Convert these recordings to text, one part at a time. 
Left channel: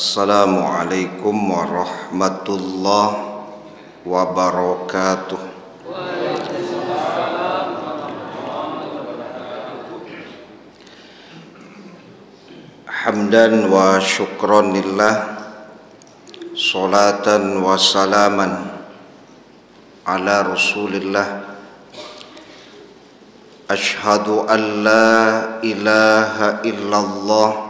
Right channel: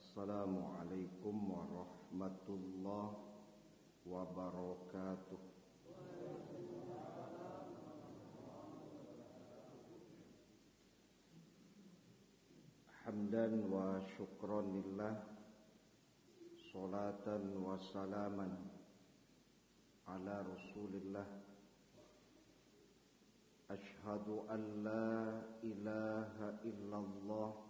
Assalamualaikum warahmatullahi wabarakatuh. Hamdan wa syukran lillah, salatan wa salaman ala rasulillah. Ashhadu an la ilaha illallah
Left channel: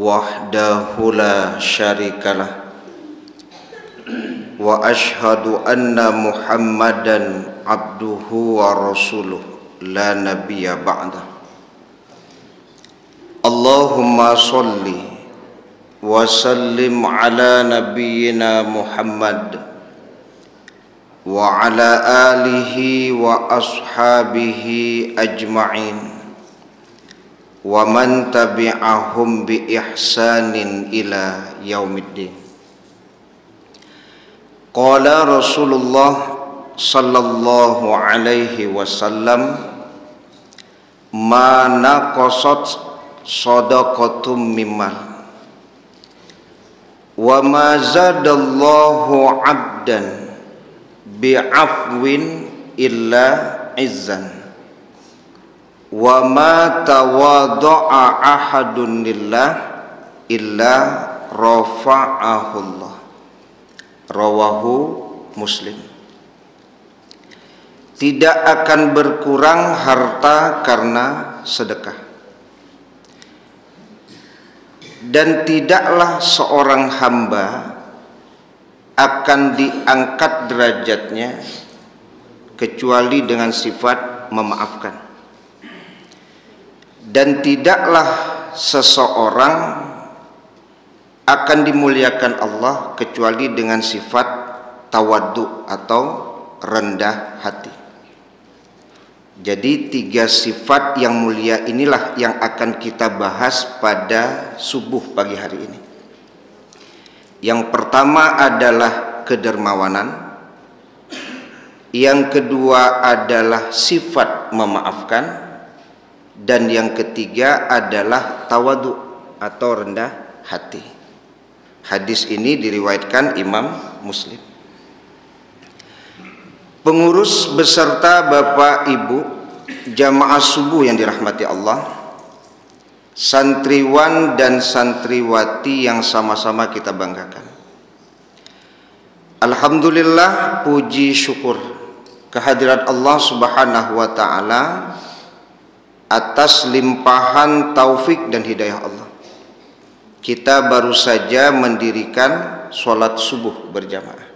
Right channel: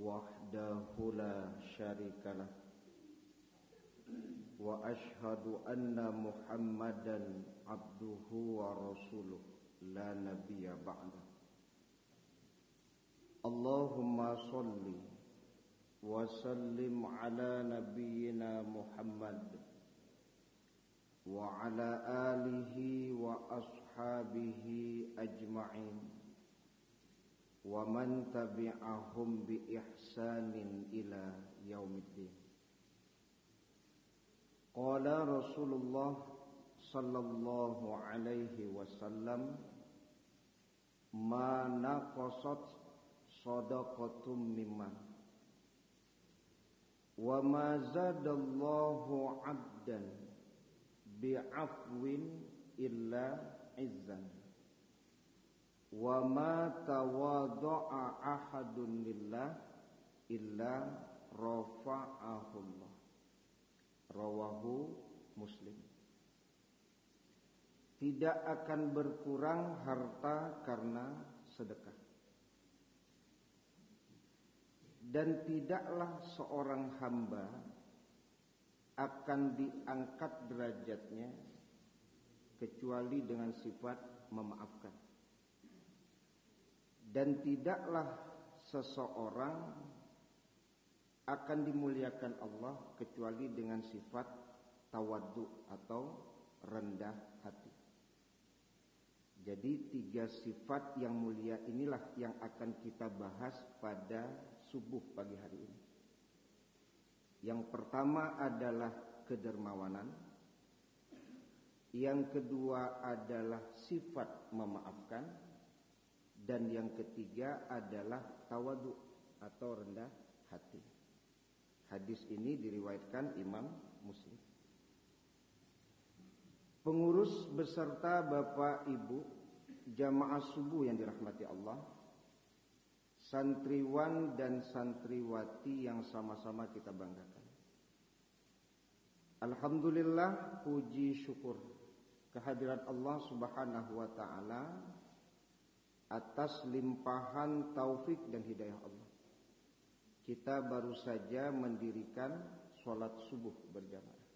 wahdahu la syarikalah wa ashhadu anna Muhammadan abduhu wa rasuluh la nabiyya ba'dah. Allahumma salli wa sallim ala nabiyyina Muhammad wa ala alihi wa ashabihi ajma'in wa man tabi'ahum bi ihsanin ila yaumiddin. Qala Rasulullah sallallahu alaihi wasallam, ma naqasat shadaqatum mimmal wa ma zadallahu 'abdan bi'afwin illa izzan wa ma tawadha'a ahadun lillah illa rafa'ahullah. Rawahu Muslim. Tidak akan berkurang harta karena sedekah, dan tidaklah seorang hamba akan diangkat derajatnya kecuali dengan sifat memaafkan. Dan tidaklah seseorang akan dimuliakan Allah kecuali dengan sifat tawaddu atau rendah hati. Jadi 3 sifat yang mulia inilah yang akan kita bahas pada subuh pagi hari ini. Yang pertama adalah kedermawanan, yang kedua adalah sifat memaafkan, dan yang ketiga adalah tawadhu atau rendah hati. Hadis ini diriwayatkan Imam Muslim. Pengurus beserta Bapak Ibu jamaah subuh yang dirahmati Allah, santriwan dan santriwati yang sama-sama kita banggakan. Alhamdulillah, puji syukur kehadirat Allah Subhanahu wa taala atas limpahan taufik dan hidayah Allah. Kita baru saja mendirikan sholat subuh berjamaah.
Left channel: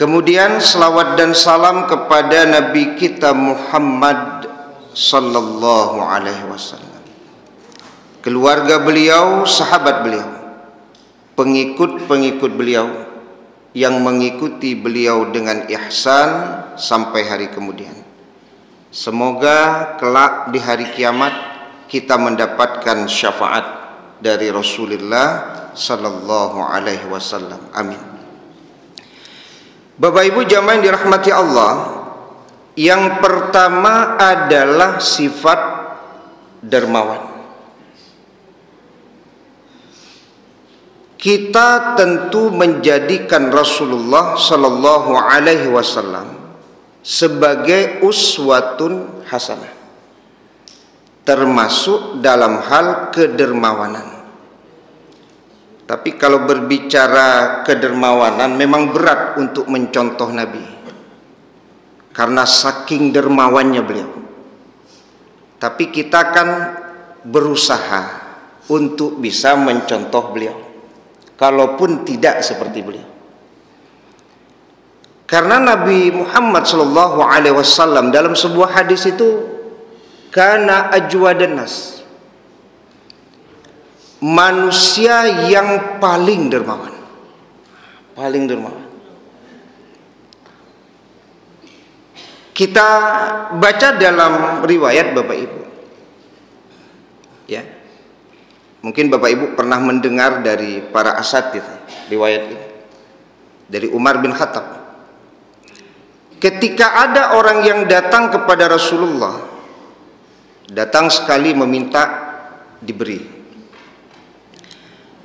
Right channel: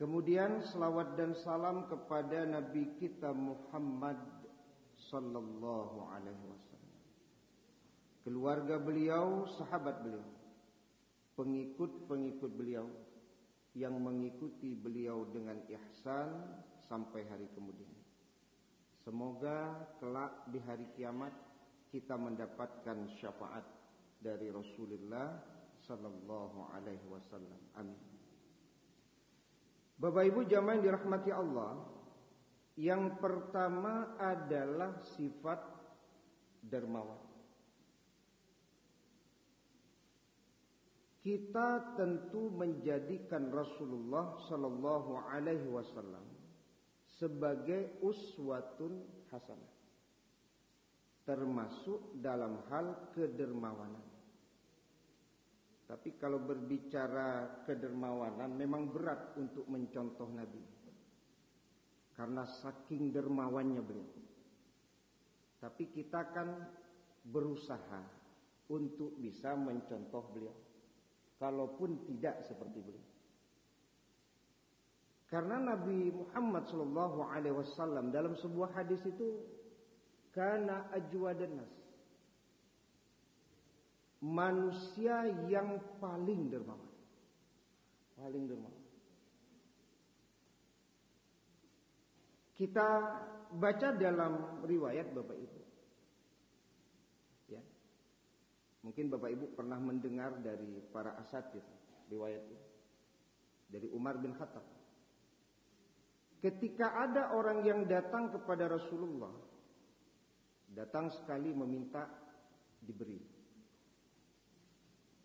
Kemudian selawat dan salam kepada Nabi kita Muhammad sallallahu alaihi wasallam, keluarga beliau, sahabat beliau, pengikut-pengikut beliau yang mengikuti beliau dengan ihsan sampai hari kemudian. Semoga kelak di hari kiamat kita mendapatkan syafaat dari Rasulullah sallallahu alaihi wasallam. Amin. Bapak Ibu jamaah yang dirahmati Allah, yang pertama adalah sifat dermawan. Kita tentu menjadikan Rasulullah sallallahu alaihi wasallam sebagai uswatun hasanah, termasuk dalam hal kedermawanan. Tapi kalau berbicara kedermawanan memang berat untuk mencontoh Nabi, karena saking dermawannya beliau. Tapi kita kan berusaha untuk bisa mencontoh beliau, kalaupun tidak seperti beliau. Karena Nabi Muhammad sallallahu alaihi wasallam dalam sebuah hadis itu kana ajwadan nas, manusia yang paling dermawan. Paling dermawan. Kita baca dalam riwayat Bapak Ibu. Ya. Mungkin Bapak Ibu pernah mendengar dari para asatidz riwayat ini. Dari Umar bin Khattab. Ketika ada orang yang datang kepada Rasulullah, datang sekali meminta diberi,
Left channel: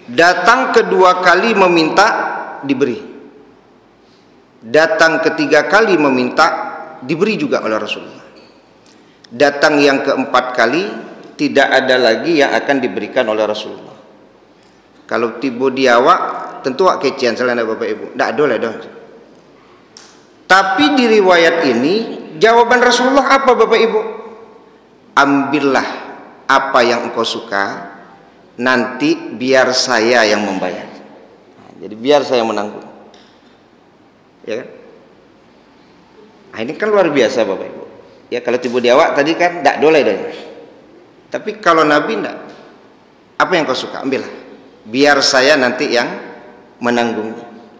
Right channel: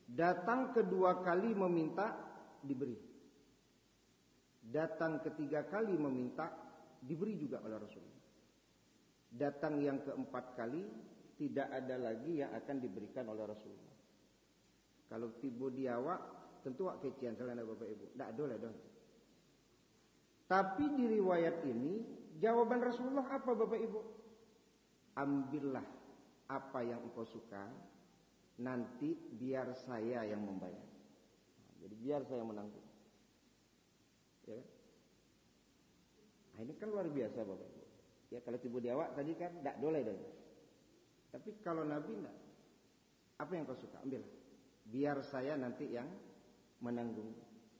Datang kedua kali meminta, diberi. Datang ketiga kali meminta, diberi juga oleh Rasulullah. Datang yang keempat kali, tidak ada lagi yang akan diberikan oleh Rasulullah. Kalau tiba di awak, tentu wak kecian selain Bapak Ibu. Tak boleh dong. Tapi di riwayat ini, jawaban Rasulullah apa Bapak Ibu? Ambillah apa yang engkau suka, nanti biar saya yang membayar. Jadi biar saya menanggung. Ya kan? Nah, ini kan luar biasa Bapak Ibu. Ya kalau tiba di awak tadi kan tak boleh deh. Tapi kalau Nabi tidak, apa yang kau suka ambillah. Biar saya nanti yang menanggung.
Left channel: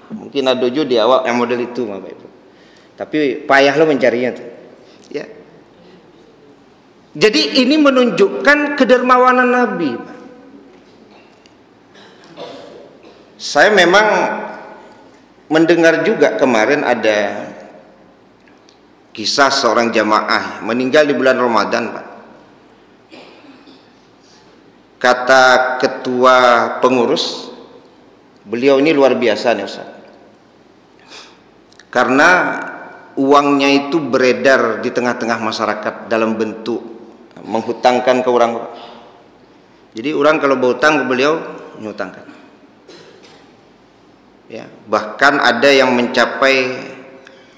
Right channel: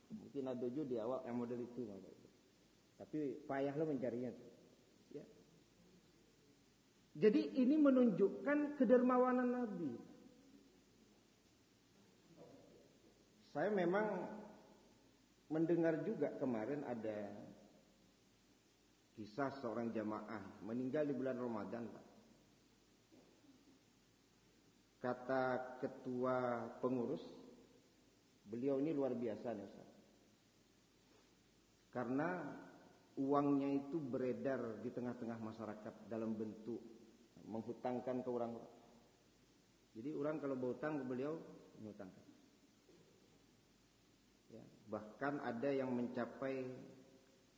Mungkin ada juga di awak yang model itu Bapak Ibu. Tapi payah lo mencarinya tuh. Ya. Jadi ini menunjukkan kedermawanan Nabi. Saya memang mendengar juga kemarin ada kisah seorang jamaah meninggal di bulan Ramadan, Pak. Kata ketua pengurus, beliau ini luar biasa nih Ustaz. Karena uangnya itu beredar di tengah-tengah masyarakat dalam bentuk menghutangkan ke orang. Jadi orang kalau berhutang ke beliau, menghutangkan. Ya, bahkan ada yang mencapai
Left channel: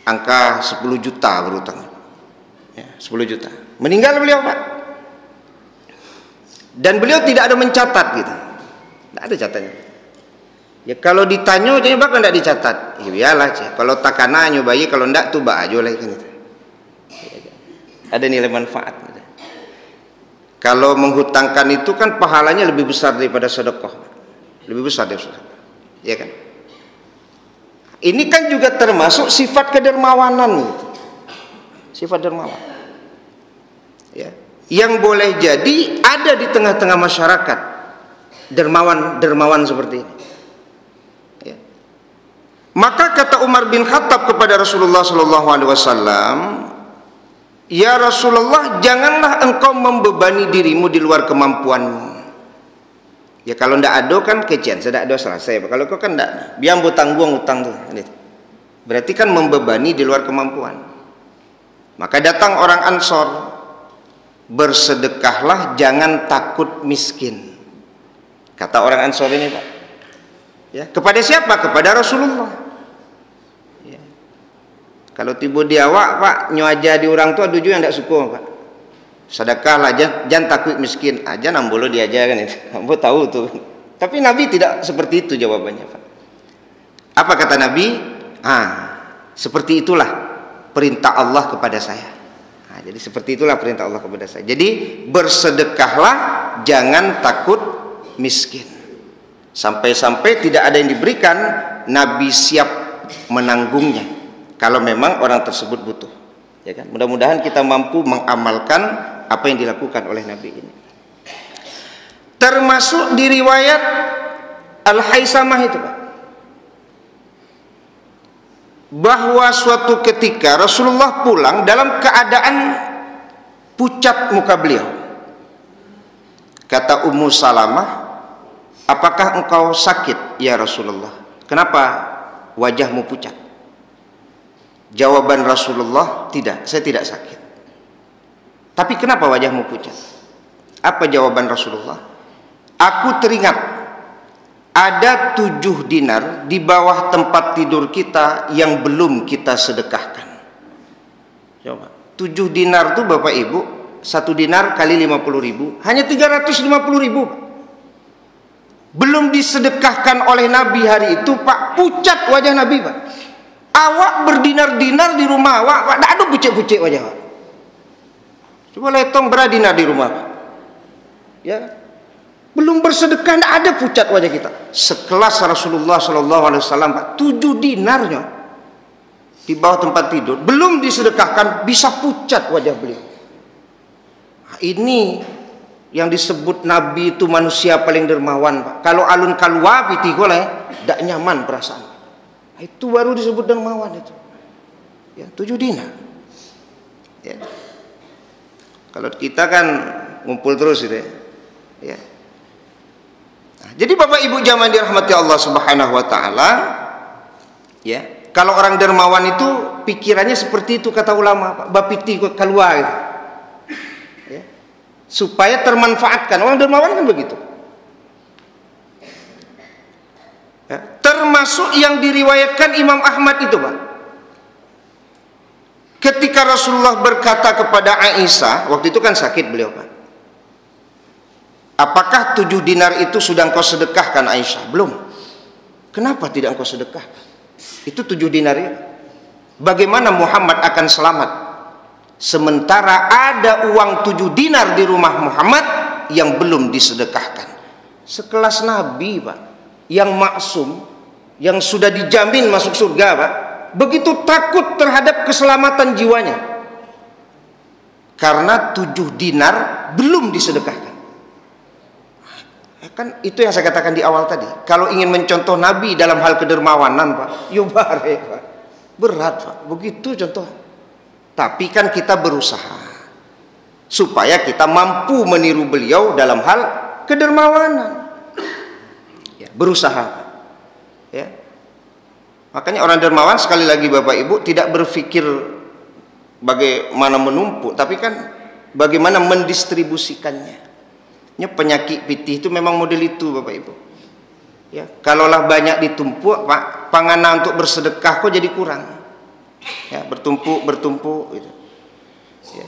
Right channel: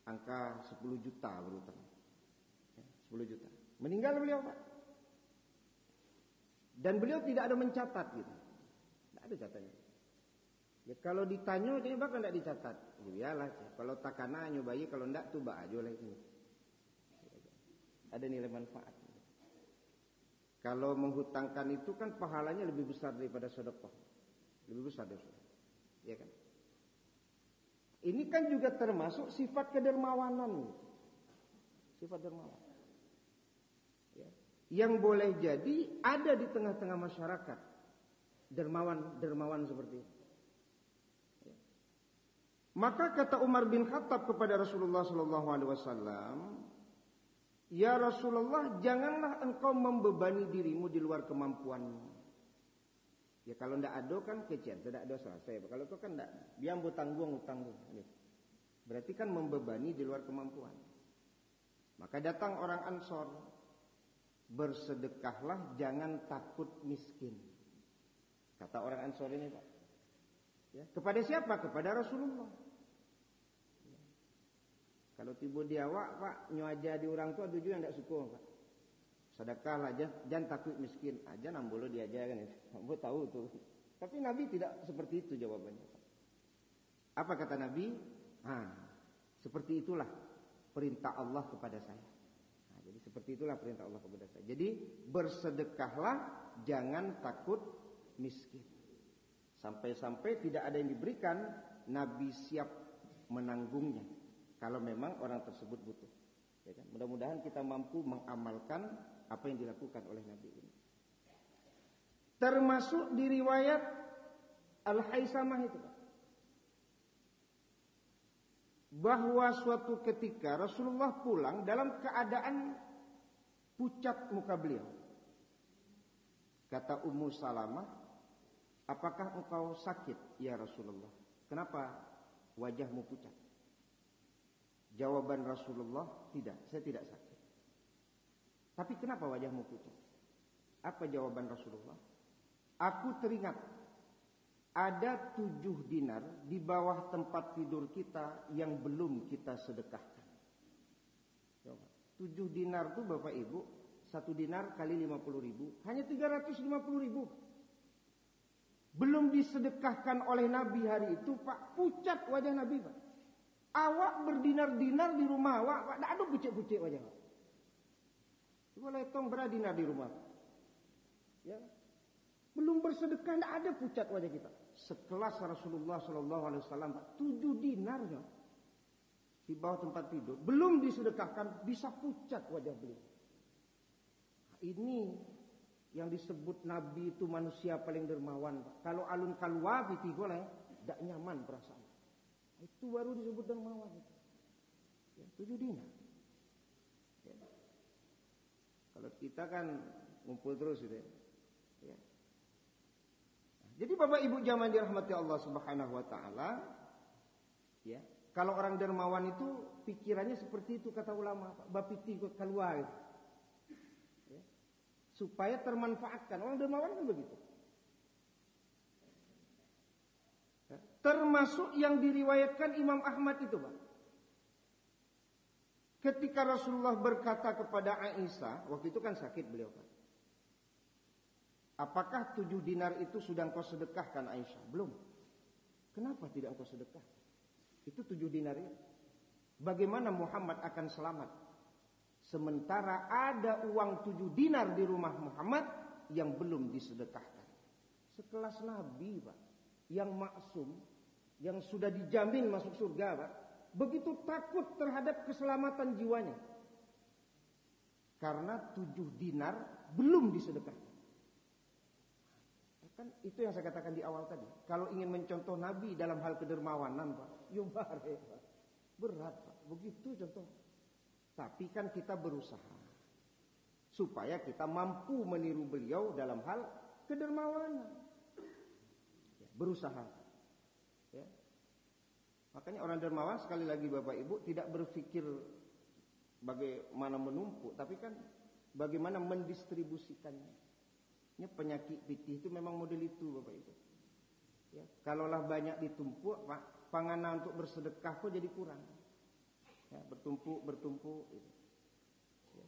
angka 10 juta berhutang. Ya, 10 juta. Meninggal beliau, Pak. Dan beliau tidak ada mencatat gitu. Tidak ada catatnya. Ya kalau ditanya jadi bakal tidak dicatat. Ya biarlah, kalau takana nyobai, kalau tidak tuh bah aja lah kan itu. Ada nilai manfaat. Gitu. Kalau menghutangkan itu kan pahalanya lebih besar daripada sedekah. Lebih besar daripada sedekah. Ya kan? Ini kan juga termasuk sifat kedermawanan gitu. Sifat dermawan. Ya. Yang boleh jadi ada di tengah-tengah masyarakat dermawan seperti ini. Ya. Maka kata Umar bin Khattab kepada Rasulullah SAW, ya Rasulullah, janganlah engkau membebani dirimu di luar kemampuanmu. Ya kalau ndak ada kan kecian, sudah ada selesai. Kalau kau kan ndak, biar tanggung utang tuh. Berarti kan membebani di luar kemampuan. Maka datang orang Ansor, bersedekahlah, jangan takut miskin. Kata orang Ansor ini, Pak. Ya, kepada siapa? Kepada Rasulullah. Ya. Kalau tiba di awak, Pak, nyoaja di orang tua tujuh yang tidak suka, Pak. Sedekahlah, jangan takut miskin. Aja nambolo diaja kan itu. Nambo tahu tuh. Tapi Nabi tidak seperti itu jawabannya, Pak. Apa kata Nabi? Seperti itulah perintah Allah kepada saya. Jadi seperti itulah perintah Allah kepada saya. Jadi bersedekahlah, jangan takut miskin. Sampai-sampai tidak ada yang diberikan, Nabi siap menanggungnya. Kalau memang orang tersebut butuh. Ya kan? Mudah-mudahan kita mampu mengamalkan apa yang dilakukan oleh Nabi ini. Termasuk di riwayat Al-Haisamah itu, Pak. Bahwa suatu ketika Rasulullah pulang dalam keadaan pucat muka beliau. Kata Ummu Salamah, apakah engkau sakit ya Rasulullah? Kenapa wajahmu pucat? Jawaban Rasulullah, tidak, saya tidak sakit. Tapi kenapa wajahmu pucat? Apa jawaban Rasulullah? Aku teringat ada 7 dinar di bawah tempat tidur kita yang belum kita sedekahkan. Coba, 7 dinar itu Bapak Ibu, 1 dinar kali 50.000, hanya 350.000. Belum disedekahkan oleh Nabi hari itu, Pak. Pucat wajah Nabi, Pak. Awak berdinar-dinar di rumah awak, tidak ada pucet-pucet wajah awak. Coba letong berdinar di rumah, Pak. Ya. Belum bersedekah, tidak ada pucat wajah kita. Sekelas Rasulullah SAW, Pak, 7 dinarnya di bawah tempat tidur, belum disedekahkan, bisa pucat wajah beliau. Nah, ini yang disebut Nabi itu manusia paling dermawan, Pak. Kalau alun kalwa piti goleh, tidak nyaman perasaan. Nah, itu baru disebut dermawan itu. Ya, 7 dinar. Ya. Kalau kita kan ngumpul terus gitu ya. Ya. Jadi Bapak Ibu jamaah dirahmati Allah Subhanahu wa taala, ya. Kalau orang dermawan itu pikirannya seperti itu kata ulama, bapiti keluar gitu. Ya. Supaya termanfaatkan. Orang dermawan kan begitu. Ya. Termasuk yang diriwayatkan Imam Ahmad itu, Pak. Ketika Rasulullah berkata kepada Aisyah, waktu itu kan sakit beliau, Pak. Apakah 7 dinar itu sudah engkau sedekahkan, Aisyah? Belum. Kenapa tidak engkau sedekahkan? Itu 7 dinar ya. Bagaimana Muhammad akan selamat sementara ada uang 7 dinar di rumah Muhammad yang belum disedekahkan? Sekelas Nabi, Pak, yang maksum, yang sudah dijamin masuk surga, Pak, begitu takut terhadap keselamatan jiwanya karena 7 dinar belum disedekahkan. Kan itu yang saya katakan di awal tadi. Kalau ingin mencontoh Nabi dalam hal kedermawanan, Pak, yubare, Pak. Berat, Pak. Begitu contoh. Tapi kan kita berusaha supaya kita mampu meniru beliau dalam hal kedermawanan. Ya, berusaha, Pak. Ya. Makanya orang dermawan sekali lagi Bapak Ibu tidak berpikir bagaimana menumpuk, tapi kan bagaimana mendistribusikannya. Penyakit pitih itu memang model itu Bapak Ibu. Ya, kalaulah banyak ditumpuk, Pak, panganan untuk bersedekah kok jadi kurang. Ya, bertumpuk gitu. Ya.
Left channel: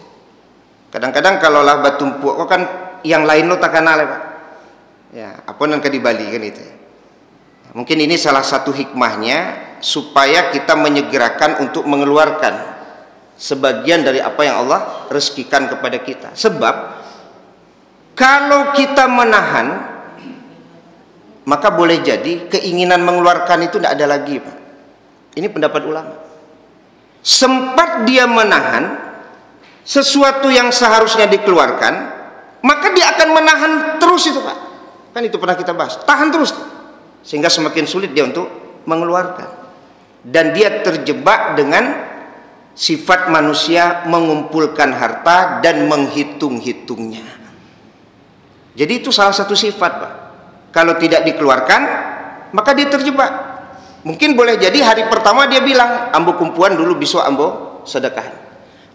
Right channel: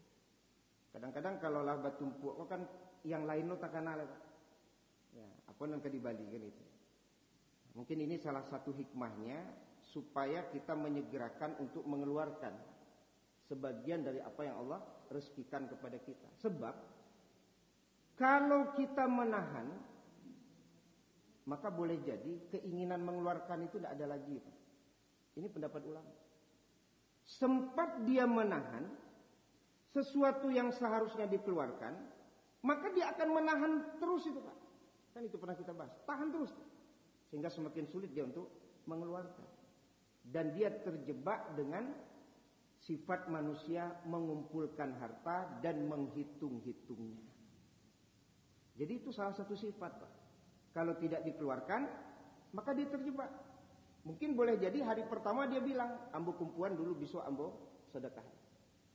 Kadang-kadang kalaulah bertumpuk kok kan yang lain lo tak kenal, Pak. Ya, apa yang di Bali kan itu. Mungkin ini salah satu hikmahnya supaya kita menyegerakan untuk mengeluarkan sebagian dari apa yang Allah rezekikan kepada kita. Sebab kalau kita menahan, maka boleh jadi keinginan mengeluarkan itu tidak ada lagi, Pak. Ini pendapat ulama. Sempat dia menahan sesuatu yang seharusnya dikeluarkan, maka dia akan menahan terus itu, Pak. Kan itu pernah kita bahas. Tahan terus, sehingga semakin sulit dia untuk mengeluarkan. Dan dia terjebak dengan sifat manusia mengumpulkan harta dan menghitung-hitungnya. Jadi itu salah satu sifat, Pak. Kalau tidak dikeluarkan, maka dia terjebak. Mungkin boleh jadi hari pertama dia bilang, ambo kumpuan dulu besok ambo sedekahkan.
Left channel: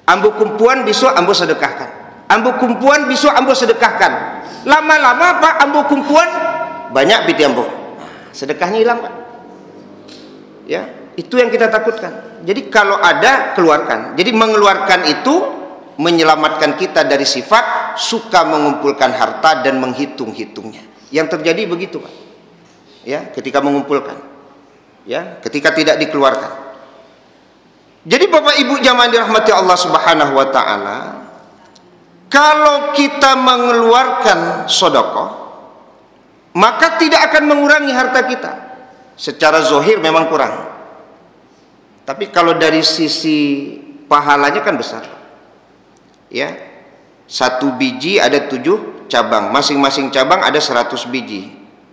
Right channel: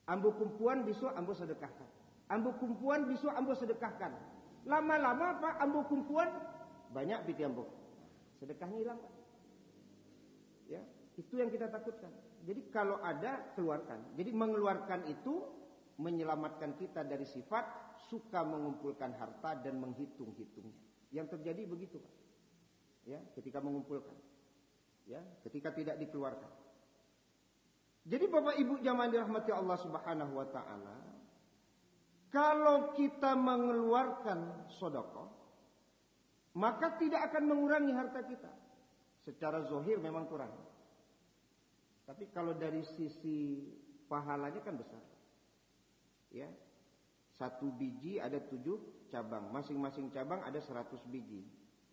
Ambo kumpuan besok ambo sedekahkan. Ambo kumpuan besok ambo sedekahkan. Lama-lama, Pak, ambo kumpuan banyak biti ambo. Sedekahnya hilang, Pak. Ya, itu yang kita takutkan. Jadi kalau ada, keluarkan. Jadi mengeluarkan itu menyelamatkan kita dari sifat suka mengumpulkan harta dan menghitung-hitungnya. Yang terjadi begitu, Pak. Ya, ketika mengumpulkan. Ya, ketika tidak dikeluarkan. Jadi Bapak Ibu jamaah dirahmati Allah Subhanahu wa taala, kalau kita mengeluarkan sedekah, maka tidak akan mengurangi harta kita. Secara zahir memang kurang. Tapi kalau dari sisi pahalanya kan besar. Ya, 1 biji ada 7 cabang, masing-masing cabang ada 100 biji,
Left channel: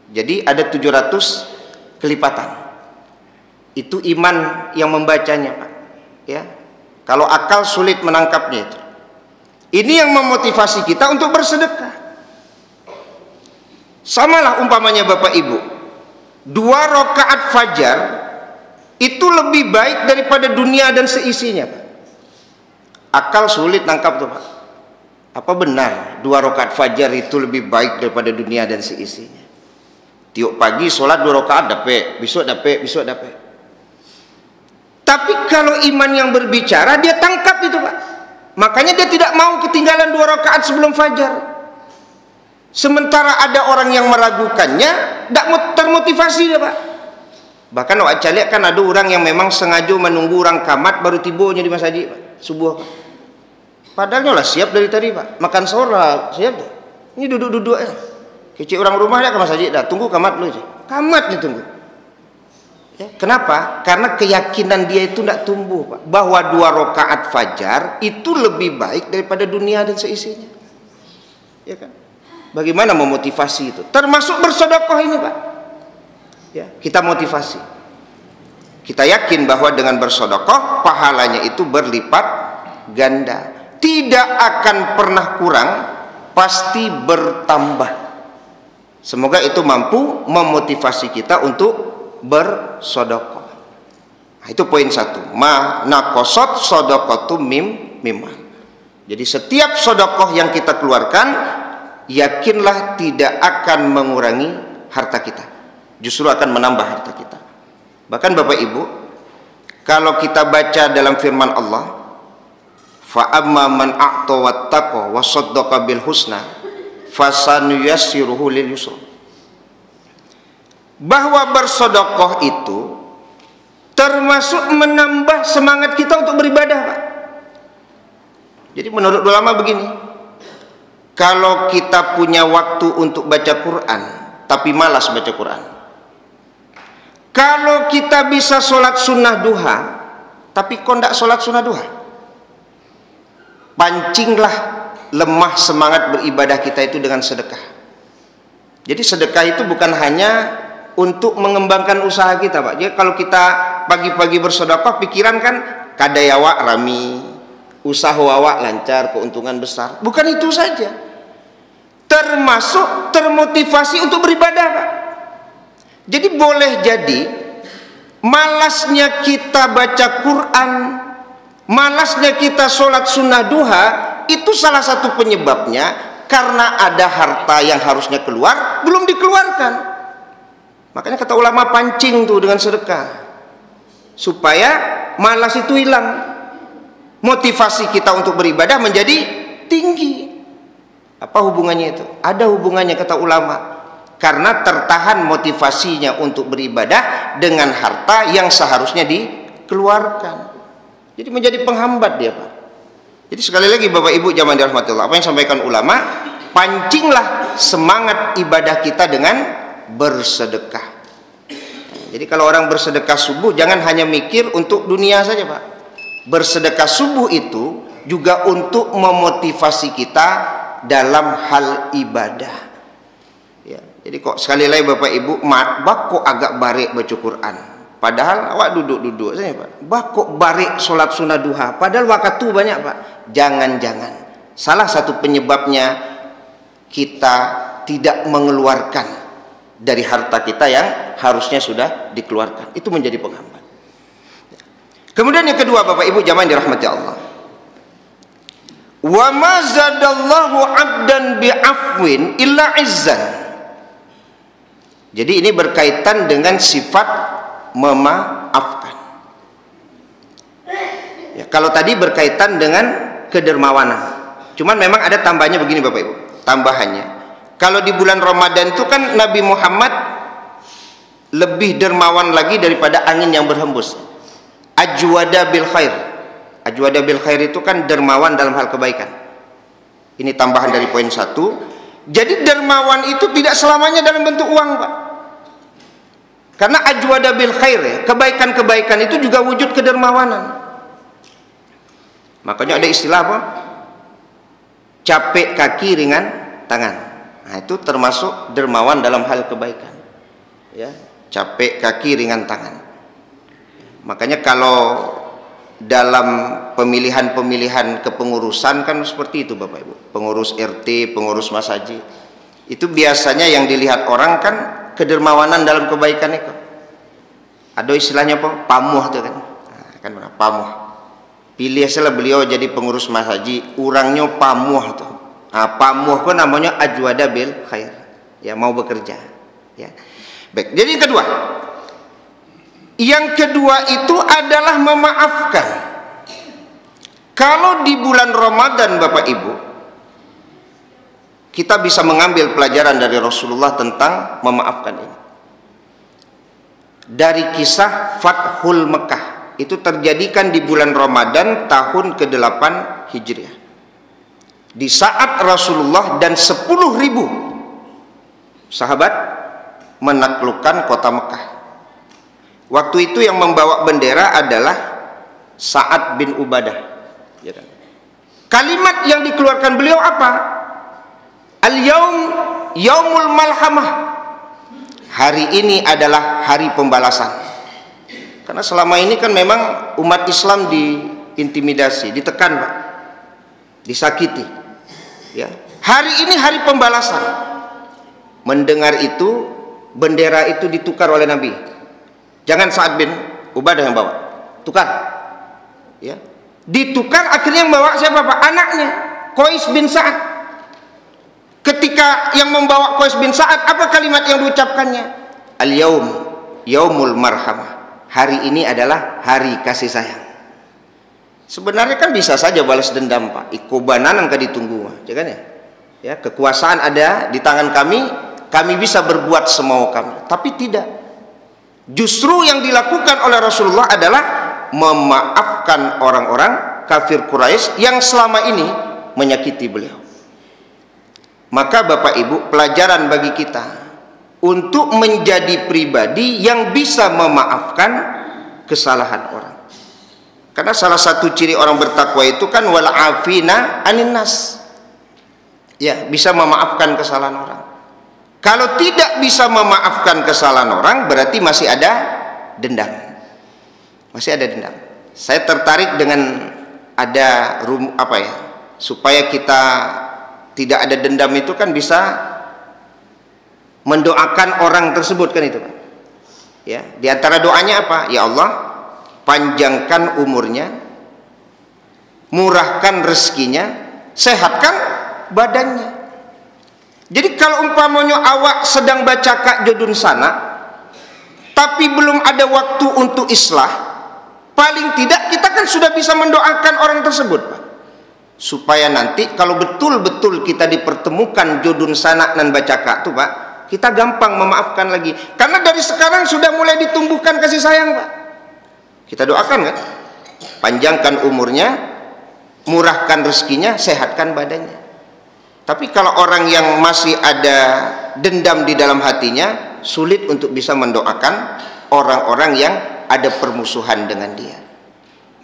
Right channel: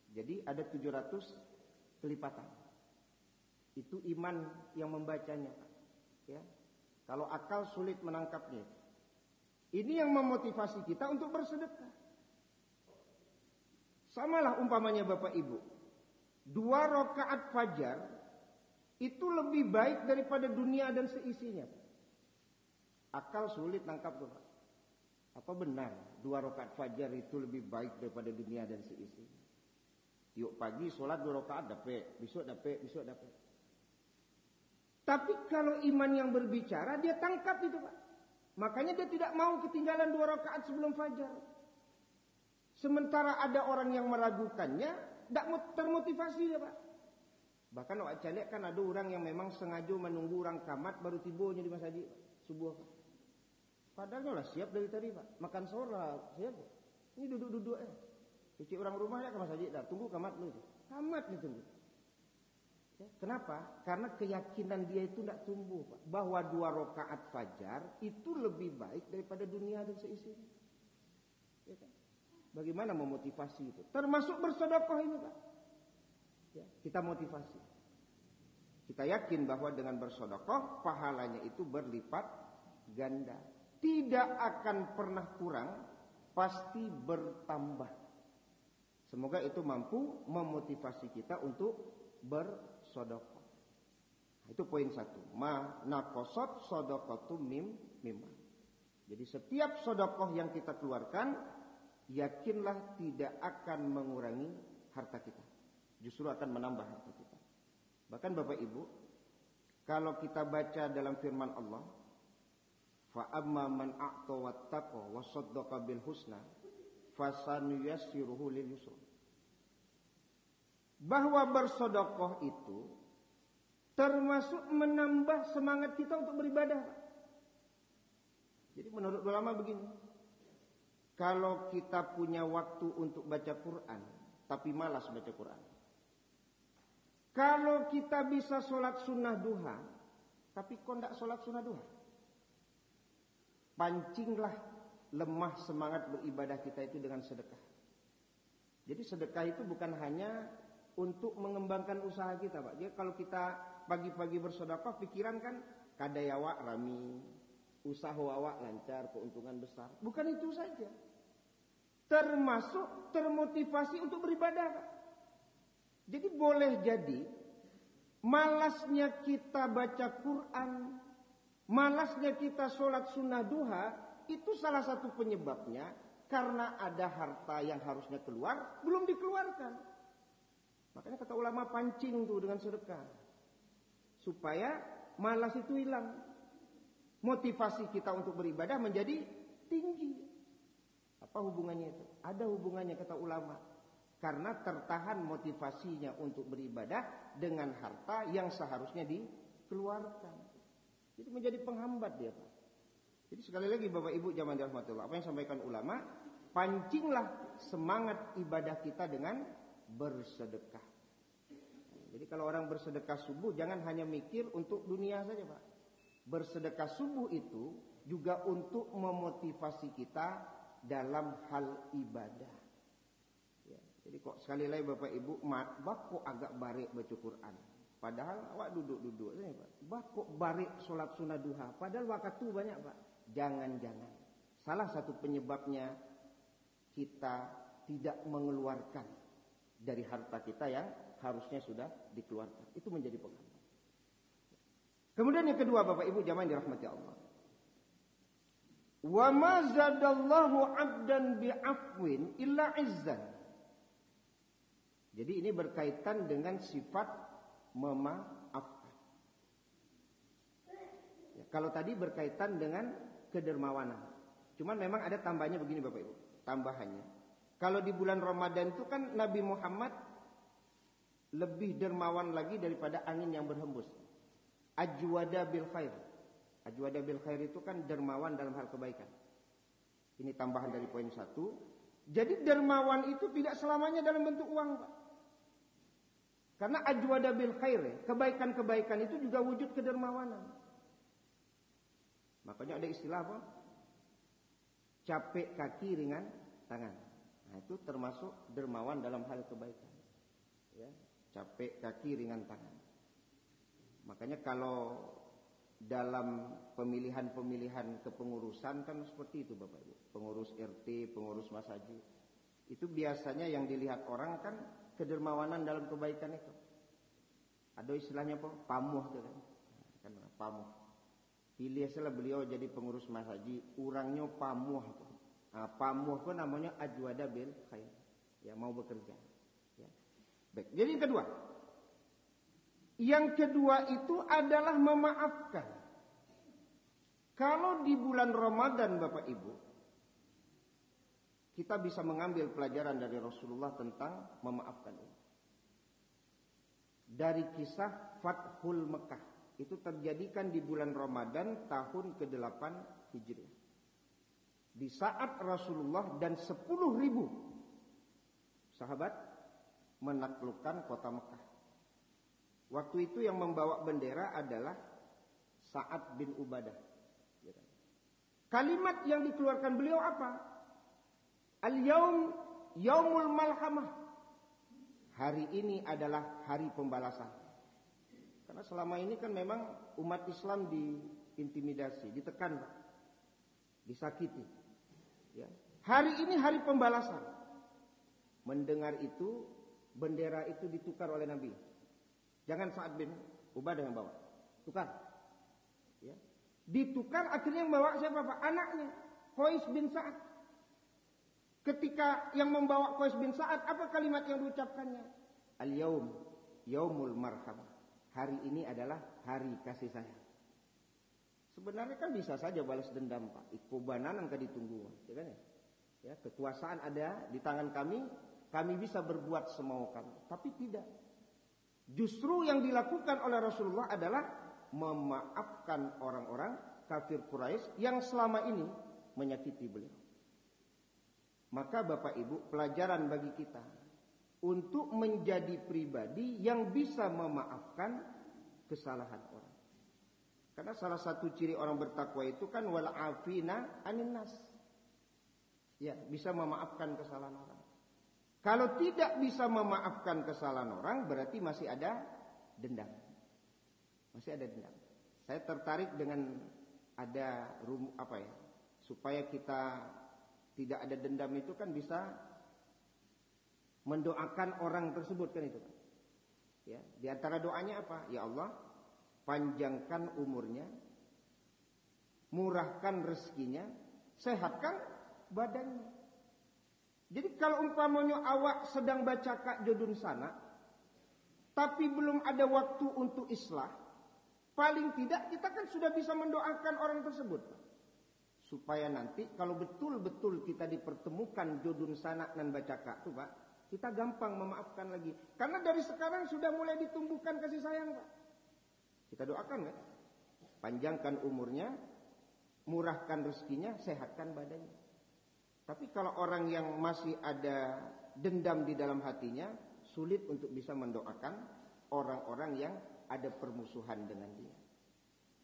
jadi ada 700 kelipatan. Itu iman yang membacanya, Pak. Ya, kalau akal sulit menangkapnya itu. Ini yang memotivasi kita untuk bersedekah. Samalah umpamanya Bapak Ibu, 2 rakaat fajar itu lebih baik daripada dunia dan seisinya, Pak. Akal sulit nangkap tuh, Pak. Apa benar 2 rakaat fajar itu lebih baik daripada dunia dan seisinya? Tiap pagi sholat 2 rakaat dapat, besok dapat. Tapi kalau iman yang berbicara, dia tangkap itu, Pak. Makanya dia tidak mau ketinggalan 2 rakaat sebelum fajar. Sementara ada orang yang meragukannya, tidak termotivasi dia, Pak. Bahkan wajah lihat kan ada orang yang memang sengaja menunggu orang kamat baru tibonya di masjid, Pak. Subuh, Pak. Padahal lah siap dari tadi, Pak. Makan sore siap dah. Ini duduk-duduk ya. Kecil orang rumah dia ke masjid dah. Tunggu kamat lu aja. Kamat nih tunggu. Ya, kenapa? Karena keyakinan dia itu tidak tumbuh, Pak. Bahwa 2 rakaat fajar itu lebih baik daripada dunia dan seisinya. Ya kan? Bagaimana memotivasi itu? Termasuk bersedekah ini, Pak. Ya, kita motivasi. Kita yakin bahwa dengan bersedekah pahalanya itu berlipat ganda. Tidak akan pernah kurang, pasti bertambah. Semoga itu mampu memotivasi kita untuk bersedekah. Nah, itu poin 1. Ma naqasat shadaqatu mimman. Jadi setiap sedekah yang kita keluarkan, yakinlah tidak akan mengurangi harta kita, justru akan menambah harta kita. Bahkan Bapak Ibu, kalau kita baca dalam firman Allah, fa amma man a'ta wattaqa wa saddaqa bil husna fasanuyassiruhu lil yusra, bahwa bersedekah itu termasuk menambah semangat kita untuk beribadah, Pak. Jadi menurut ulama begini, kalau kita punya waktu untuk baca Quran tapi malas baca Quran, kalau kita bisa sholat sunnah duha tapi kok tidak sholat sunnah duha, pancinglah lemah semangat beribadah kita itu dengan sedekah. Jadi sedekah itu bukan hanya untuk mengembangkan usaha kita, Pak. Jadi kalau kita pagi-pagi bersedekah, pikiran kan kadayawak rami, usaha wawak lancar, keuntungan besar. Bukan itu saja, termasuk termotivasi untuk beribadah, Pak. Jadi boleh jadi malasnya kita baca Quran, malasnya kita sholat sunnah duha, itu salah satu penyebabnya karena ada harta yang harusnya keluar belum dikeluarkan. Makanya kata ulama, pancing tuh dengan sedekah supaya malas itu hilang, motivasi kita untuk beribadah menjadi tinggi. Apa hubungannya itu? Ada hubungannya kata ulama, karena tertahan motivasinya untuk beribadah dengan harta yang seharusnya dikeluarkan. Jadi menjadi penghambat dia, Pak. Jadi sekali lagi Bapak Ibu jamaah dirahmati Allah, apa yang disampaikan ulama, pancinglah semangat ibadah kita dengan bersedekah. Jadi kalau orang bersedekah subuh, jangan hanya mikir untuk dunia saja, Pak. Bersedekah subuh itu juga untuk memotivasi kita dalam hal ibadah. Ya, jadi kok sekali lagi Bapak Ibu, bak kok agak barek baca Quran, padahal awak duduk-duduk saja, Pak. Bak kok barek sholat sunnah duha, padahal waktu banyak, Pak. Jangan-jangan salah satu penyebabnya kita tidak mengeluarkan dari harta kita yang harusnya sudah dikeluarkan. Itu menjadi penghambat. Kemudian yang kedua Bapak Ibu jamaah yang dirahmati Allah, wa ma zadallahu 'abdan bi'afwin illa 'izzan. Jadi ini berkaitan dengan sifat memaafkan. Ya, kalau tadi berkaitan dengan kedermawanan, cuman memang ada tambahnya begini Bapak Ibu. Tambahannya, kalau di bulan Ramadan itu kan Nabi Muhammad lebih dermawan lagi daripada angin yang berhembus. Ajwada bil khair. Ajwada bil khair itu kan dermawan dalam hal kebaikan. Ini tambahan dari poin 1. Jadi dermawan itu tidak selamanya dalam bentuk uang, Pak. Karena ajwada bil khair, ya, kebaikan-kebaikan itu juga wujud kedermawanan. Makanya ada istilah apa? Capek kaki ringan tangan. Nah, itu termasuk dermawan dalam hal kebaikan. Ya, capek kaki ringan tangan. Makanya kalau dalam pemilihan-pemilihan kepengurusan kan seperti itu Bapak Ibu. Pengurus RT, pengurus masjid, itu biasanya yang dilihat orang kan kedermawanan dalam kebaikan itu. Ada istilahnya apa? Pamuh itu kan. Nah, kan mana? Pamuh. Pilih salah beliau jadi pengurus masjid, orangnya pamuh tuh. Nah, pamuh kan namanya ajwada bil khair. Ya, mau bekerja. Ya. Baik. Jadi yang kedua itu adalah memaafkan. Kalau di bulan Ramadan Bapak Ibu, kita bisa mengambil pelajaran dari Rasulullah tentang memaafkan ini. Dari kisah Fathul Mekah, itu terjadikan di bulan Ramadan tahun ke-8 Hijriah. Di saat Rasulullah dan 10.000 sahabat menaklukkan kota Mekah. Waktu itu yang membawa bendera adalah Sa'ad bin Ubadah. Kalimat yang dikeluarkan beliau apa? Al-yaum yaumul malhamah. Hari ini adalah hari pembalasan. Karena selama ini kan memang umat Islam diintimidasi, ditekan, Pak, disakiti. Ya. Hari ini hari pembalasan. mendengar itu, bendera itu ditukar oleh Nabi. Jangan Sa'ad bin Ubadah yang bawa, tukar. Ya, ditukar, akhirnya yang bawa siapa Pak? Anaknya, Qais bin Sa'ad. Ketika yang membawa Qais bin Sa'ad, apa kalimat yang diucapkannya? Al-yaum, yaumul marhamah. Hari ini adalah hari kasih sayang. Sebenarnya kan bisa saja balas dendam Pak. Ikobananan ka ditunggu, ya kan ya? Ya, kekuasaan ada di tangan kami bisa berbuat semau kami. Tapi tidak. Justru yang dilakukan oleh Rasulullah adalah memaafkan orang-orang kafir Quraisy yang selama ini menyakiti beliau. Maka Bapak Ibu, pelajaran bagi kita untuk menjadi pribadi yang bisa memaafkan kesalahan orang. Karena salah satu ciri orang bertakwa itu kan wal afina anin nas. Ya, bisa memaafkan kesalahan orang. Kalau tidak bisa memaafkan kesalahan orang, berarti masih ada dendam. Masih ada dendam. Saya tertarik dengan ada supaya kita tidak ada dendam itu kan bisa mendoakan orang tersebut kan itu Pak. Ya, di antara doanya apa? Ya Allah, panjangkan umurnya, murahkan rezekinya, sehatkan badannya. Jadi kalau umpamanya awak sedang baca Kak Jodun sana, tapi belum ada waktu untuk islah, paling tidak kita kan sudah bisa mendoakan orang tersebut Pak. Supaya nanti kalau betul-betul kita dipertemukan Jodun sana dan baca Kak tuh Pak, kita gampang memaafkan lagi. Karena dari sekarang sudah mulai ditumbuhkan kasih sayang Pak. Kita doakan kan, panjangkan umurnya, murahkan rezekinya, sehatkan badannya. Tapi kalau orang yang masih ada dendam di dalam hatinya, sulit untuk bisa mendoakan orang-orang yang ada permusuhan dengan dia.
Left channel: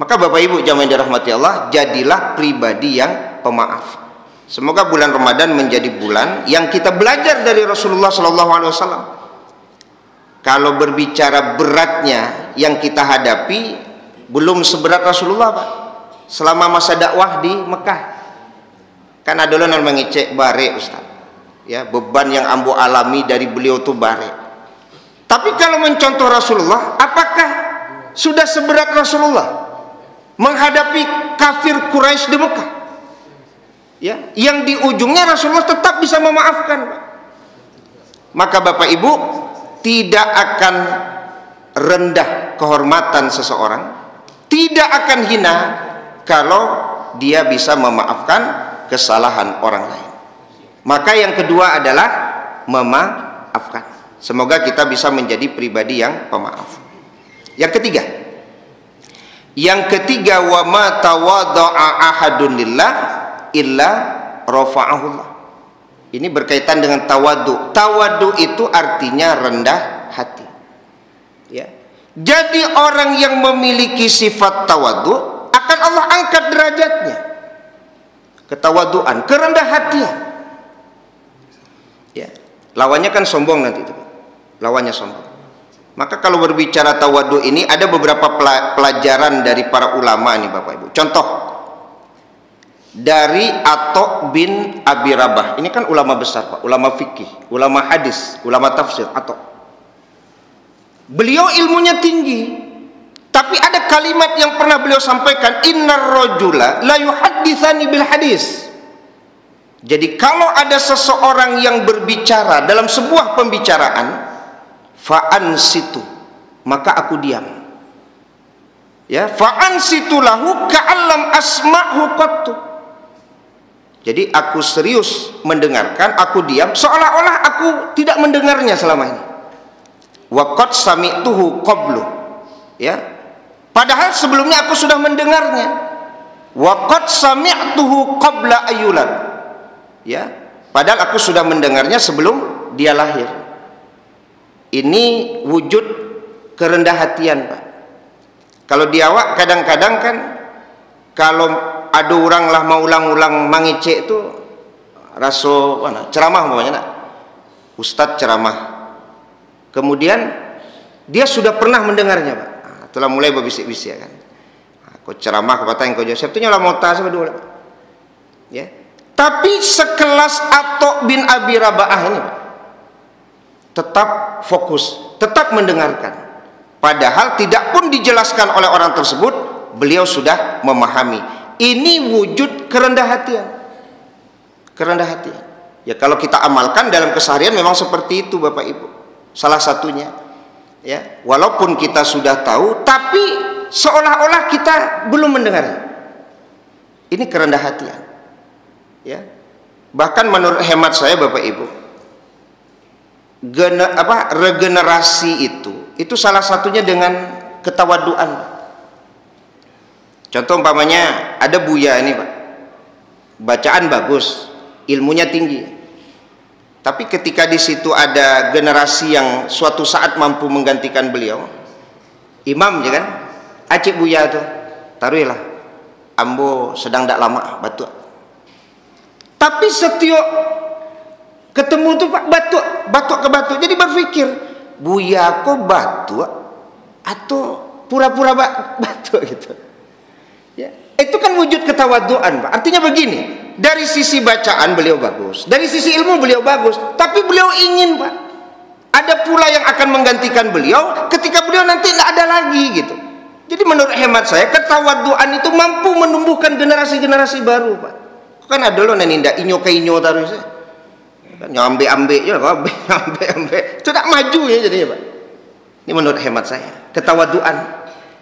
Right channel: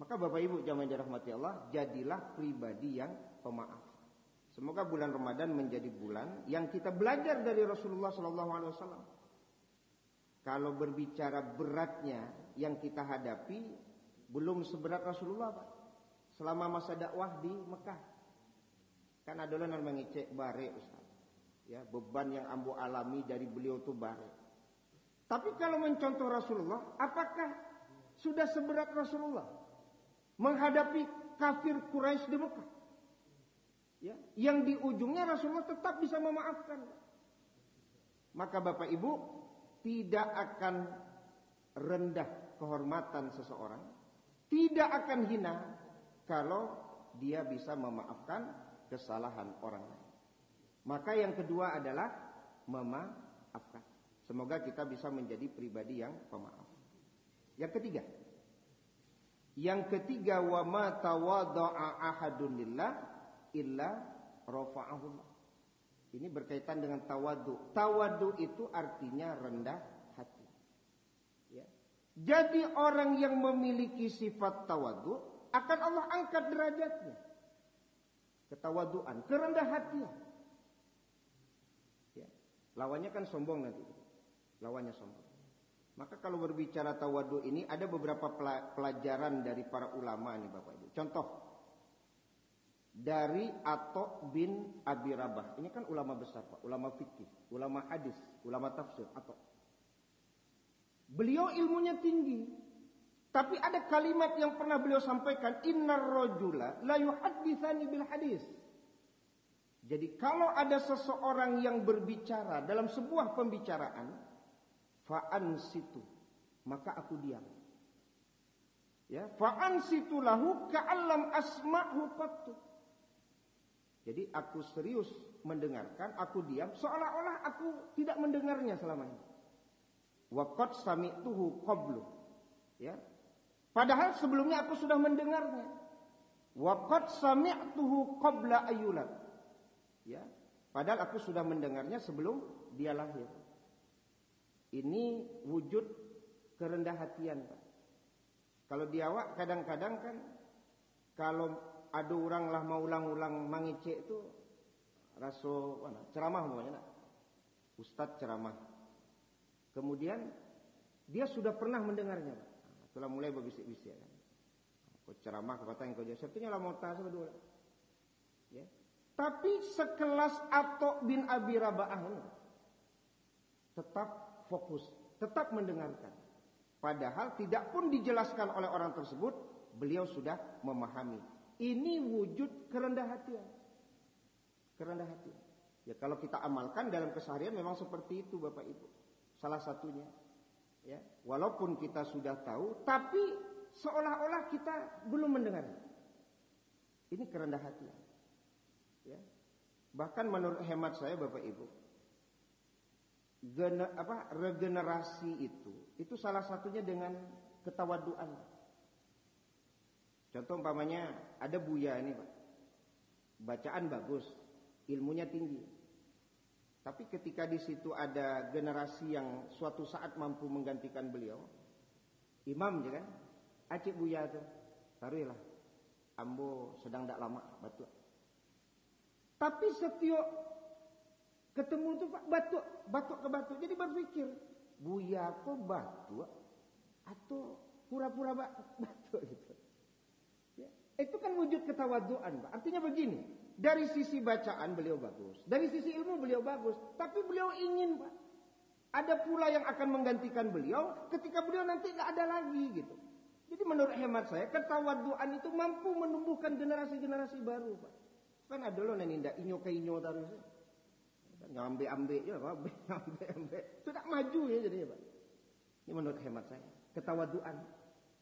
Maka Bapak Ibu jamaah yang dirahmati Allah, jadilah pribadi yang pemaaf. Semoga bulan Ramadan menjadi bulan yang kita belajar dari Rasulullah SAW. Kalau berbicara beratnya yang kita hadapi, belum seberat Rasulullah Pak. Selama masa dakwah di Mekah, kan ada yang mengecek bare Ustaz. Ya, beban yang ambo alami dari beliau itu bare. Tapi kalau mencontoh Rasulullah, apakah sudah seberat Rasulullah menghadapi kafir Quraisy di Mekah? Ya, yang di ujungnya Rasulullah tetap bisa memaafkan. Maka Bapak Ibu, tidak akan rendah kehormatan seseorang, tidak akan hina kalau dia bisa memaafkan kesalahan orang lain. Maka yang kedua adalah memaafkan. Semoga kita bisa menjadi pribadi yang pemaaf. Yang ketiga, wa ma tawadda'a ahadun lillah illa rafa'ahullah. Ini berkaitan dengan tawadu. Tawadu itu artinya rendah hati. Ya. Jadi orang yang memiliki sifat tawadu akan Allah angkat derajatnya. Ketawaduan, kerendah hatian. Ya. Lawannya kan sombong nanti itu. Lawannya sombong. Maka kalau berbicara tawadu ini ada beberapa pelajaran dari para ulama nih Bapak Ibu. Contoh dari Atok bin Abi Rabah. Ini kan ulama besar Pak, ulama fikih, ulama hadis, ulama tafsir. Atok. Beliau ilmunya tinggi, tapi ada kalimat yang pernah beliau sampaikan, innar rajula la yuhadditsani bil hadis. Jadi kalau ada seseorang yang berbicara dalam sebuah pembicaraan, fa'ansitu, maka aku diam. Ya, fa'ansitu lahu ka'allam asma'hu qattu. Jadi aku serius mendengarkan, aku diam seolah-olah aku tidak mendengarnya selama ini. Wa qad sami'tuhu qablu. Ya. Padahal sebelumnya aku sudah mendengarnya. Wa qad sami'tuhu qabla ayyulad. Ya. Padahal aku sudah mendengarnya sebelum dia lahir. Ini wujud kerendah hatian Pak. Kalau di awak kadang-kadang kan kalau ada orang lah mau ulang-ulang mangicek itu raso mana ceramah umpamanya nak. Ustadz ceramah. Kemudian dia sudah pernah mendengarnya Pak. Nah, telah mulai berbisik-bisik kan. Aku ceramah kepada engkau jawab. Sebetulnya lah mau tas dulu. Ya. Tapi sekelas Atok bin Abi Rabah ini Pak. tetap fokus, tetap mendengarkan. Padahal tidak pun dijelaskan oleh orang tersebut, beliau sudah memahami. Ini wujud kerendah hatian. Kerendah hatian. Ya kalau kita amalkan dalam keseharian memang seperti itu Bapak Ibu. Salah satunya. Ya, walaupun kita sudah tahu, tapi seolah-olah kita belum mendengar. Ini kerendah hatian. Ya. Bahkan menurut hemat saya Bapak Ibu, regenerasi itu salah satunya dengan ketawaduan. Contoh umpamanya ada Buya ini Pak, bacaan bagus, ilmunya tinggi, tapi ketika di situ ada generasi yang suatu saat mampu menggantikan beliau, imam ya kan, acik Buya tuh, taruhlah ambo sedang tak lama batuk, tapi setiap ketemu tuh Pak batuk ke batuk, jadi berpikir Buya kok batuk atau pura-pura batuk gitu. Ya, itu kan wujud ketawaduan Pak. Artinya begini, dari sisi bacaan beliau bagus, dari sisi ilmu beliau bagus, tapi beliau ingin Pak, ada pula yang akan menggantikan beliau ketika beliau nanti tidak ada lagi gitu. Jadi menurut hemat saya ketawaduan itu mampu menumbuhkan generasi-generasi baru Pak. Kan ada loh neninda inyo ke inyo taruh saya. Nyambe-ambe ya, ambe-ambe. Itu tak maju ya jadinya Pak. Ini menurut hemat saya, ketawaduan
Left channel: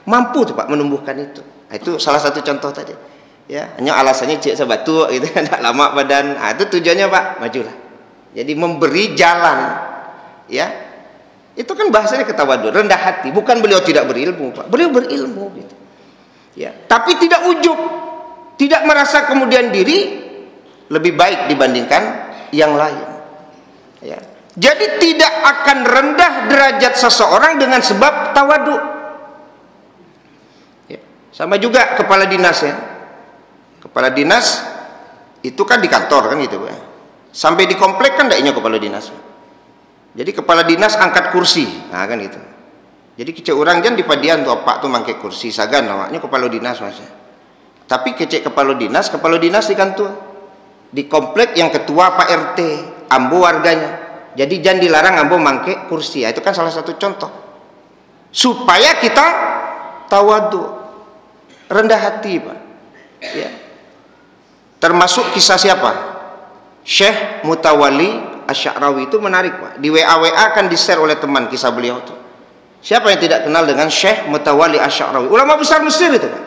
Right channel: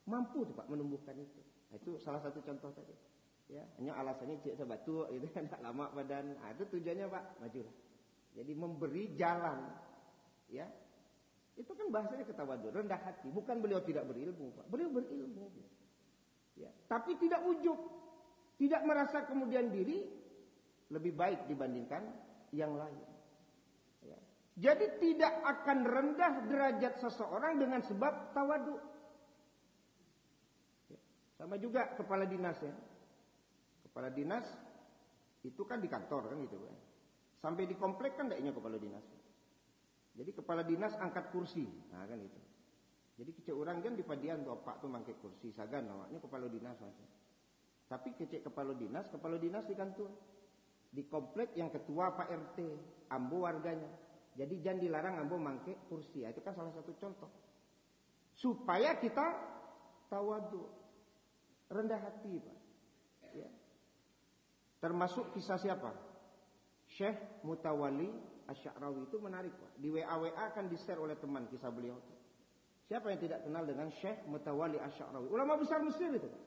mampu tuh Pak menumbuhkan itu. Nah, itu salah satu contoh tadi. Ya, hanya alasannya cek sebatuk gitu kan, tak lama badan. Nah, itu tujuannya Pak, majulah. Jadi memberi jalan. Ya. Itu kan bahasanya ketawaduan, rendah hati. Bukan beliau tidak berilmu Pak. Beliau berilmu gitu. Ya, tapi tidak ujub. Tidak merasa kemudian diri lebih baik dibandingkan yang lain. Ya. Jadi tidak akan rendah derajat seseorang dengan sebab tawadu. Ya. Sama juga kepala dinas ya. Kepala dinas itu kan di kantor kan gitu ya. Sampai di komplek kan ndaknya kepala dinas. Jadi kepala dinas angkat kursi, nah kan gitu. Jadi kecek orang jan di padian tuh Pak tuh mangke kursi sagan awaknya kepala dinas Mas. Tapi kecek kepala dinas di kantor. Di komplek yang ketua Pak RT, ambo warganya. Jadi jangan dilarang ambo mangke kursi. Ya, itu kan salah satu contoh. Supaya kita tawadu, rendah hati Pak. Ya. Termasuk kisah siapa? Syekh Mutawalli Asy-Sya'rawi itu menarik Pak. Di WA kan di-share oleh teman kisah beliau itu. Siapa yang tidak kenal dengan Syekh Mutawalli Asy-Sya'rawi? Ulama besar Mesir itu Pak.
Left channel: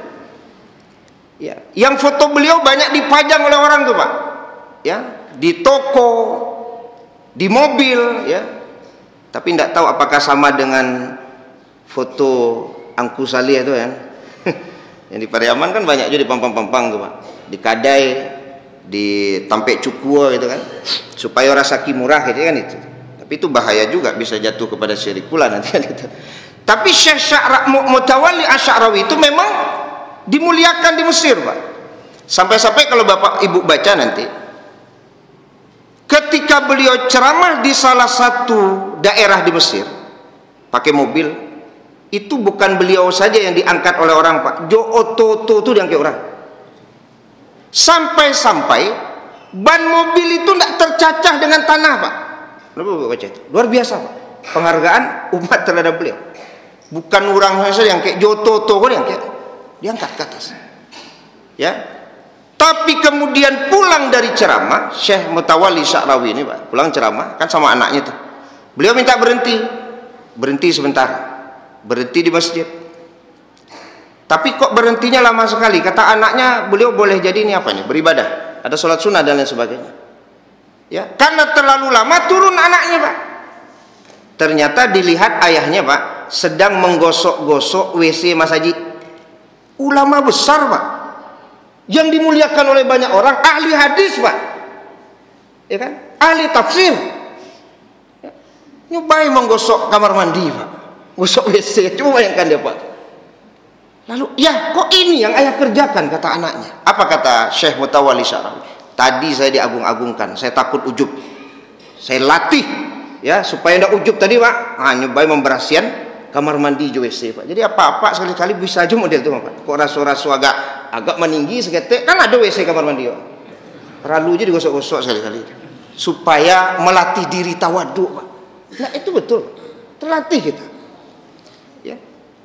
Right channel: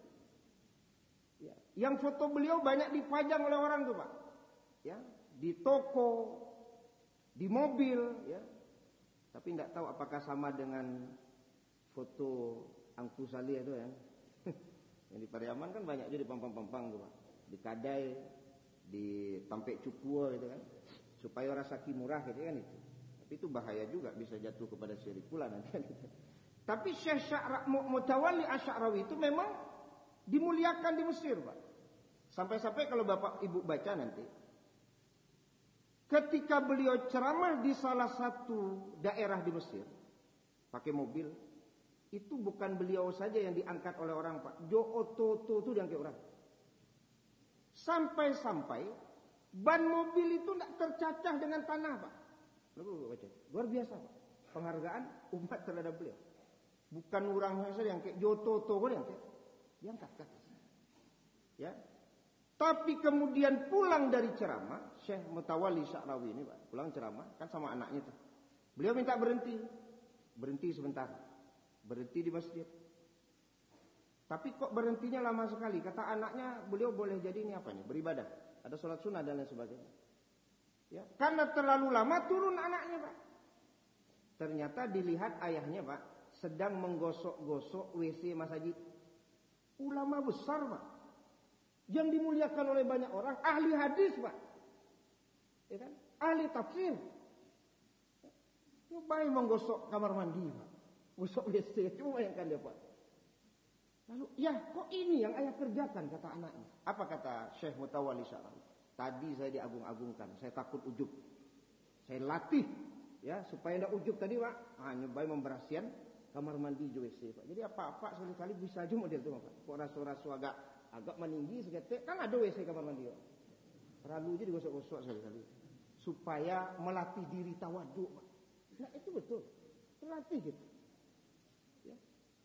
Ya, yang foto beliau banyak dipajang oleh orang tuh Pak. Ya, di toko, di mobil, ya. Tapi tidak tahu apakah sama dengan foto Angku Salih itu kan. Yang di Pariaman kan banyak juga di pampang-pampang tuh Pak. Di Kadai, di Tampek Cukua gitu kan. Supaya rasa murah gitu kan itu. Tapi itu bahaya juga, bisa jatuh kepada syirik pula nanti kan itu. Tapi Syekh Mutawalli Asy-Sya'rawi itu memang dimuliakan di Mesir Pak. Sampai-sampai kalau Bapak Ibu baca nanti, ketika beliau ceramah di salah satu daerah di Mesir pakai mobil, itu bukan beliau saja yang diangkat oleh orang Pak. Oto-oto itu diangkat orang. Sampai-sampai ban mobil itu tidak tercacah dengan tanah Pak. Luar biasa Pak. Penghargaan umat terhadap beliau. Bukan orang saja yang kayak Joto-oto yang kayak diangkat ke atas. Ya. Tapi kemudian pulang dari ceramah, Syekh Mutawalli Asy-Sya'rawi ini Pak, pulang ceramah kan sama anaknya tuh. Beliau minta berhenti sebentar. Berhenti di masjid. Tapi kok berhentinya lama sekali? Kata anaknya, beliau boleh jadi ini apa nih? Beribadah. Ada sholat sunnah dan lain sebagainya. Ya, karena terlalu lama turun anaknya Pak. Ternyata dilihat ayahnya Pak sedang menggosok-gosok WC Mas Haji. Ulama besar Pak, yang dimuliakan oleh banyak orang, ahli hadis Pak, ya kan, ahli tafsir, ya. Nyobain menggosok kamar mandi Pak, gosok WC, coba bayangkan dia Pak. Lalu ya kok ini yang ayah kerjakan, kata anaknya. Apa kata Syekh Mutawalli Asy-Sya'rawi? Tadi saya diagung-agungkan, saya takut ujub, saya latih ya supaya tidak ujub tadi Pak. Nyobain memberasihan kamar mandi WC Pak. Jadi apa-apa sekali-kali bisa aja model itu Pak. Kok rasu-rasu agak meninggi seketik, kan ada WC kamar mandi Pak. Perlu aja digosok-gosok sekali-kali supaya melatih diri tawadu Pak. Nah itu betul, terlatih kita. Ya.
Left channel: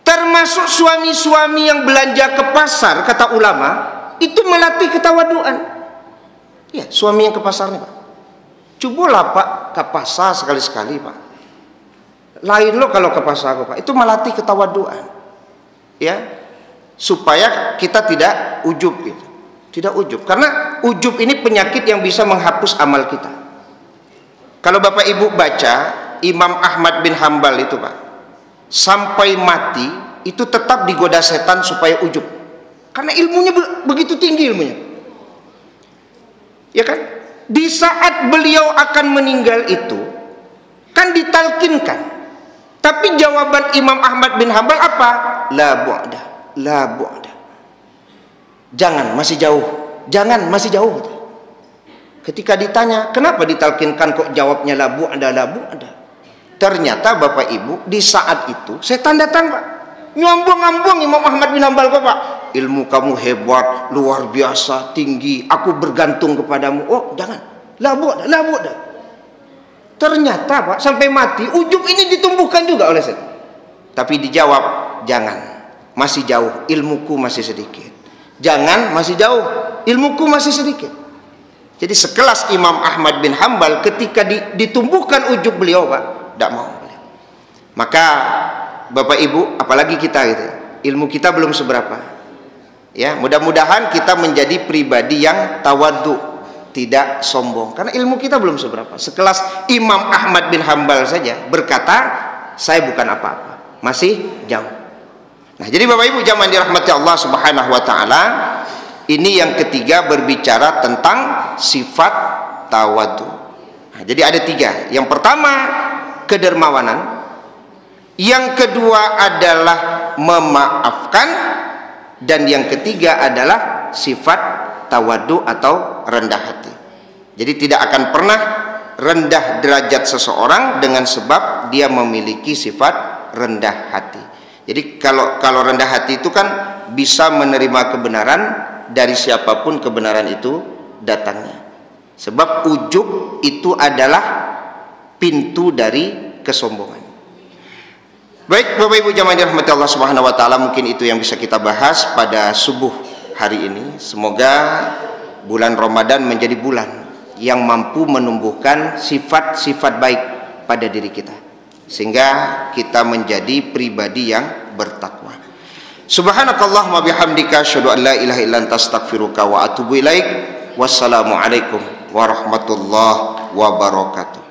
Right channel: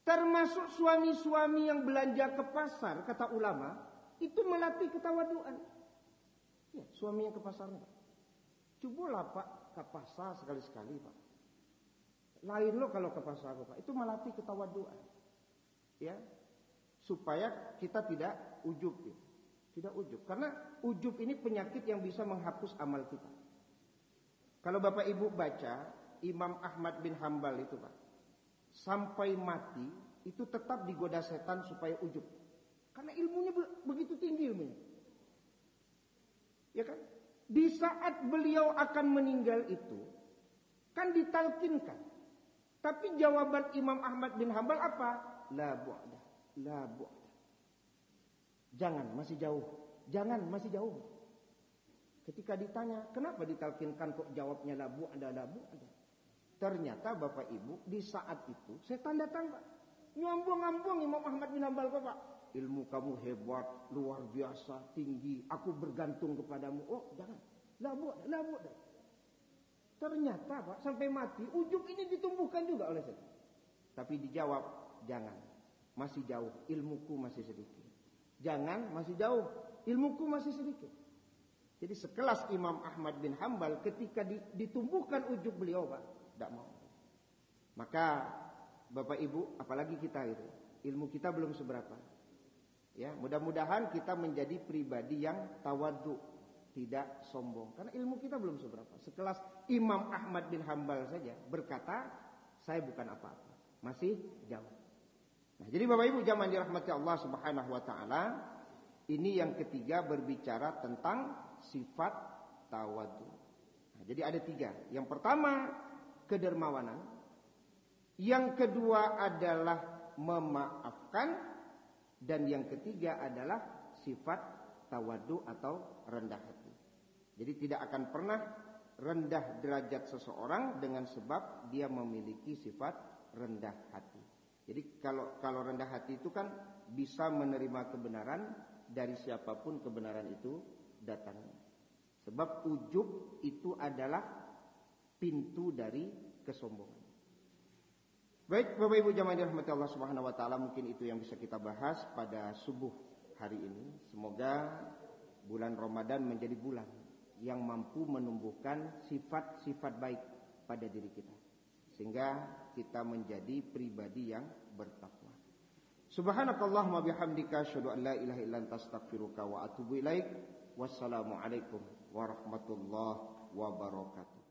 Termasuk suami-suami yang belanja ke pasar, kata ulama, itu melatih ketawaduan. Ya, suami yang ke pasar nih, Pak. Cobalah Pak ke pasar sekali-sekali, Pak. Lain lo kalau ke pasar, Pak. Itu melatih ketawaduan. Ya, supaya kita tidak ujub gitu. Tidak ujub, karena ujub ini penyakit yang bisa menghapus amal kita. Kalau Bapak Ibu baca Imam Ahmad bin Hambal itu, Pak, sampai mati itu tetap digoda setan supaya ujub. Karena ilmunya begitu tinggi ilmunya. Ya kan? Di saat beliau akan meninggal itu kan ditalkinkan. Tapi jawaban Imam Ahmad bin Hambal apa? La bu'da, la bu'da. Jangan, masih jauh. Jangan, masih jauh. Ketika ditanya, kenapa ditalkinkan kok jawabnya la bu'da, la bu'da? Ternyata Bapak Ibu, di saat itu setan datang, Pak. Nyombong-nyombong Imam Ahmad bin Hambal kok, Pak. Ilmu kamu hebat, luar biasa, tinggi. Aku bergantung kepadamu. Oh, jangan. La bu'da, la bu'da. Ternyata, Pak, sampai mati ujub ini ditumbuhkan juga oleh setan. Tapi dijawab, jangan. Masih jauh, ilmuku masih sedikit. Jangan, masih jauh, ilmuku masih sedikit. Jadi sekelas Imam Ahmad bin Hambal ketika ditumbuhkan ujub beliau, Pak, tidak mau. Maka Bapak Ibu, apalagi kita gitu, ilmu kita belum seberapa. Ya, mudah-mudahan kita menjadi pribadi yang tawadhu, tidak sombong. Karena ilmu kita belum seberapa. Sekelas Imam Ahmad bin Hambal saja berkata, saya bukan apa-apa, masih jauh. Nah, jadi Bapak Ibu jamaah dirahmati Allah Subhanahu wa taala, ini yang ketiga berbicara tentang sifat tawadhu. Nah, jadi ada tiga. Yang pertama kedermawanan, yang kedua adalah memaafkan, dan yang ketiga adalah sifat tawadhu atau rendah hati. Jadi tidak akan pernah rendah derajat seseorang dengan sebab dia memiliki sifat rendah hati. Jadi kalau rendah hati itu kan bisa menerima kebenaran dari siapapun kebenaran itu datangnya. Sebab ujub itu adalah pintu dari kesombongan. Baik Bapak Ibu jamaah dirahmati Allah Subhanahu wa taala, mungkin itu yang bisa kita bahas pada subuh hari ini. Semoga bulan Ramadan menjadi bulan yang mampu menumbuhkan sifat-sifat baik pada diri kita, sehingga kita menjadi pribadi yang bertakwa. Subhanakallahumma bihamdika asyhadu an la ilaha illa anta astaghfiruka wa atubu ilaik. Wassalamualaikum warahmatullahi wabarakatuh.